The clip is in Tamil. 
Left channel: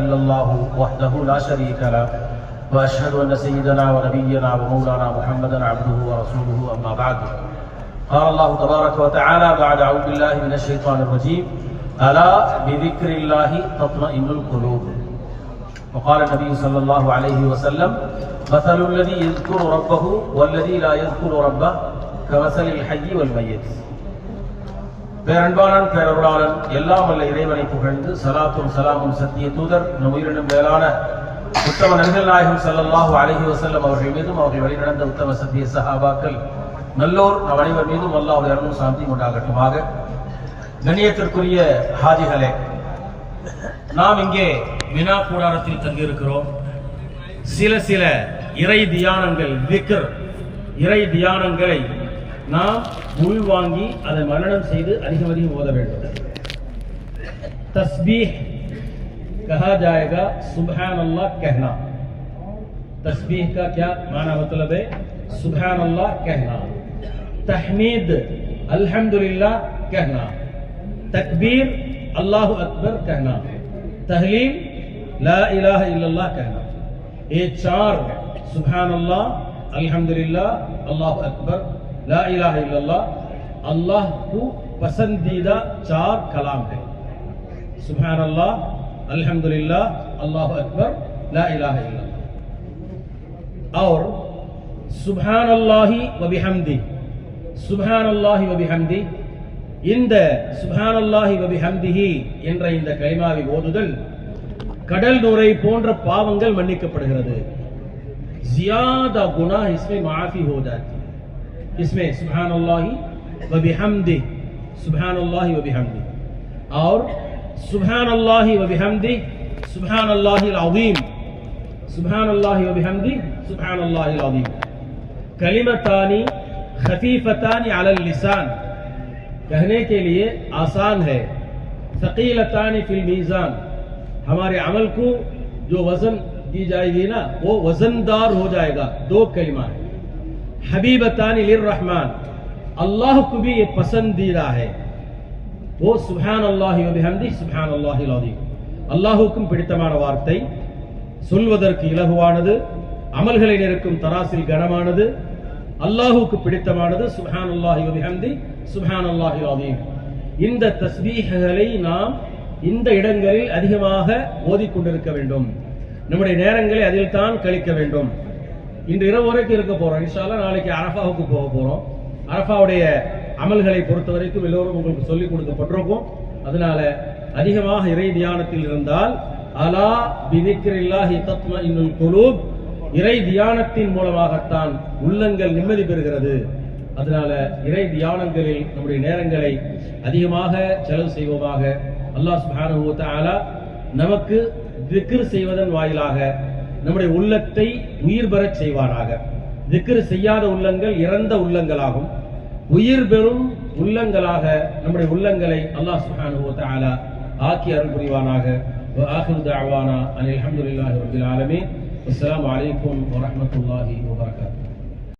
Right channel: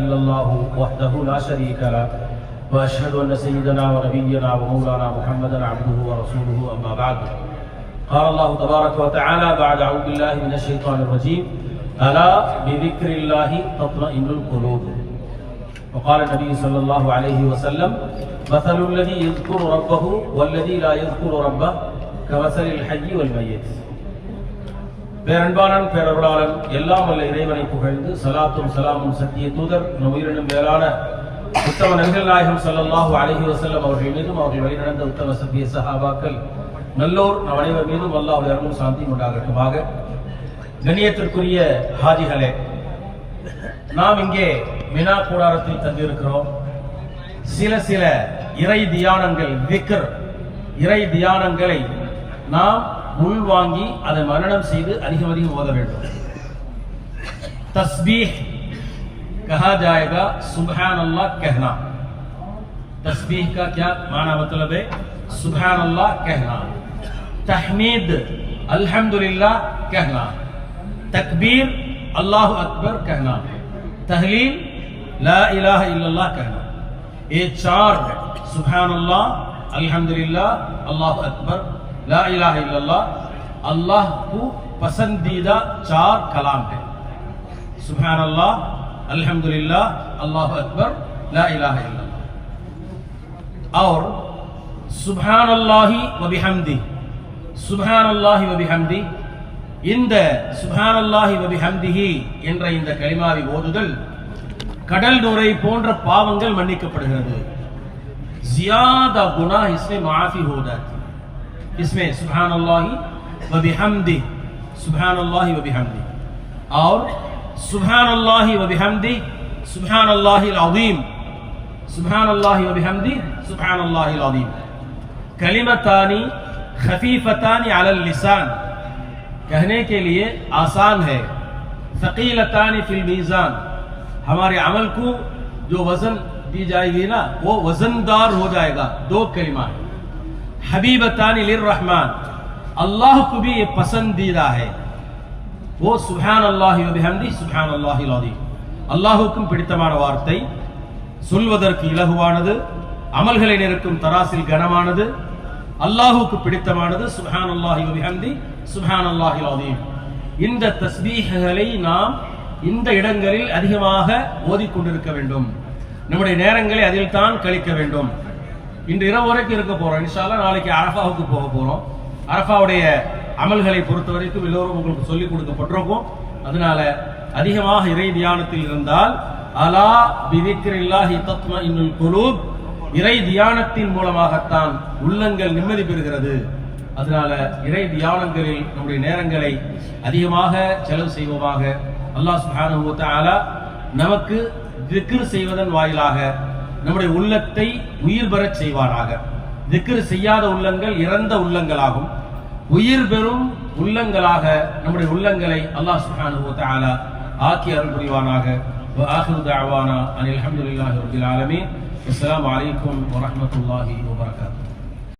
إلا الله وحده لا شريك له وأشهد أن سيدنا ونبينا ومولانا محمدا عبده ورسوله أما بعد. قال الله تبارك وتعالى بعد أعوذ بالله من الشيطان الرجيم ألا بذكر الله تطمئن القلوب. وقال النبي صلى الله عليه وسلم مثل الذي يذكر ربه والذي لا يذكر ربه كمثل الحي والميت. பேரன்பாளன் பேரருளாளன் எல்லாம் வல்ல இறைவனை புகழ்ந்து சலாத்தும் சலாமும் சத்திய தூதர் நம் உயிரினும் மேலான உத்தம நபிகள் நாயகம் ஸல்லல்லாஹு அலைஹி வஸல்லம் அவர்கள் மீதும் அவர்கள் வழிநடந்த உத்தம சத்திய சஹாபாக்கள் நல்லோர் அனைவர் மீதும் அல்லாஹ்வுடைய அருளும் சாந்தியும் உண்டாகட்டுமாக. கண்ணியத்திற்குரிய ஹாஜிகளே, நாம் இங்கே மினா கூடாரத்தில் தங்கியிருக்கிறோம். சில இறை தியானங்கள், திக்ர் இறை தியானங்களை நாம் உள்வாங்கி அதை மனனம் செய்து அதிகம் ஓத வேண்டும். तस्बीह कहा जाएगा, सुबहान अल्लाह कहना. तस्बीह का क्या माना मतलब है? सुबहान अल्लाह कहना. तहमीद अल्हम्दुलिल्लाह कहना. तकबीर अल्लाह अकबर कहना. तहलील ला इलाहा इल्लल्लाह कहना. ये चार सुबहान अल्लाह, अल्हम्दुलिल्लाह, अल्लाह अकबर, ला इलाहा इल्लल्लाह अल्लाह को पसंदीदा चार कलाम है. सुबहान अल्लाह, अल्हम्दुलिल्लाह, अल्लाह अकबर, ला इलाहा इल्लल्लाह. और सुबहान अल्लाहि व बिहम्दी, सुबहान अल्लाहि व बिहम्दी, இந்த சுப்ஹான் அல்லாஹி வ பிஹம்திஹி என்ற இந்த கலிமாவை ஓதுதல் கடல் நுரை போன்ற பாவங்கள் மன்னிக்கப்படுகிறது. ज़्यादा गुनाह इसमें माफी हो जाती. इसमें सुब्हान अल्लाहि व बिहम्दी, सुब्हान अल्लाहि व बिहम्दी, और सुब्हान अल्लाहि व बिहम्दी, सुब्हान अल्लाहिल अज़ीम, सुब्हान अल्लाहि व बिहम्दी, सुब्हान अल्लाहिल अज़ीम. कलिमतानी खफीफतानी अलल लिसान, कहने के लिए आसान है. सकीलतानी फिल मीज़ान, हमारे अमल को जो वजन दी जाएगी ना वो वजनदार हो जाएगा. दो कलिमा है. हबीबतानी लिर्रहमान, अल्लाह को भी ये पसंदीदा है. वो सुब्हान अल्लाहि व बिहम्दी, सुब्हान अल्लाहिल अज़ीम. அல்லாஹ்வுக்கும் பிடித்தமான வார்த்தை, சொல்வதற்கு இலகுவானது, அமல்களை நிற்கும் தராசில் கனமானது, அல்லாஹ்வுக்கு பிடித்தமானது. சுப்ஹான் அல்லாஹி வ பிஹம்தி, சுப்ஹான் அல்லாஹில் அஸீம். இந்த தஸ்பீஹ்களை நாம் இந்த இடங்களில் அதிகமாக ஓதிக்கொண்டிருக்க வேண்டும். நம்முடைய நேரங்களை அதில் தான் கழிக்க வேண்டும். இன்று இரவு வரைக்கும் இருக்க போறோம். இன்ஷா அல்லாஹ் நாளைக்கு அரஃபாவுக்கு போக போறோம். அரஃபாவுடைய அமல்களை பொறுத்த வரைக்கும் எல்லோரும் உங்களுக்கு சொல்லிக் கொடுக்கப்பட்டிருக்கும். அதனால அதிகமாக இறை தியானத்தில் இருந்தால் அலா பிதிக்ரில்லாஹி தத்மஇன்னுல் குலூப், இறை தியானத்தின் மூலமாகத்தான் உள்ளங்கள் நிம்மதி பெறுகிறது. அதனால இறை தியானங்களில் நம்முடைய நேரங்களை அதிகமாக செலவு செய்வோமாக. அல்லாஹ் சுப்ஹானஹு வ தஆலா நமக்கு திக்ர் செய்வதன் வாயிலாக நம்முடைய உள்ளத்தை உயிர் பெறச் செய்வானாக. திக்ர் செய்யாத உள்ளங்கள் இறந்த உள்ளங்களாகும். உயிர் பெறும் உள்ளங்களாக நம்முடைய உள்ளங்களை அல்லாஹ் சுப்ஹானஹு வ தஆலா ஆக்கி அருள் புரிவானாக. வ ஆகிரு தஅவானா அனில் ஹம்துலில்லாஹி ரப்பில் ஆலமீன். அஸ்ஸலாமு அலைக்கும் வ ரஹ்மத்துல்லாஹி வ பரகாத்துஹு.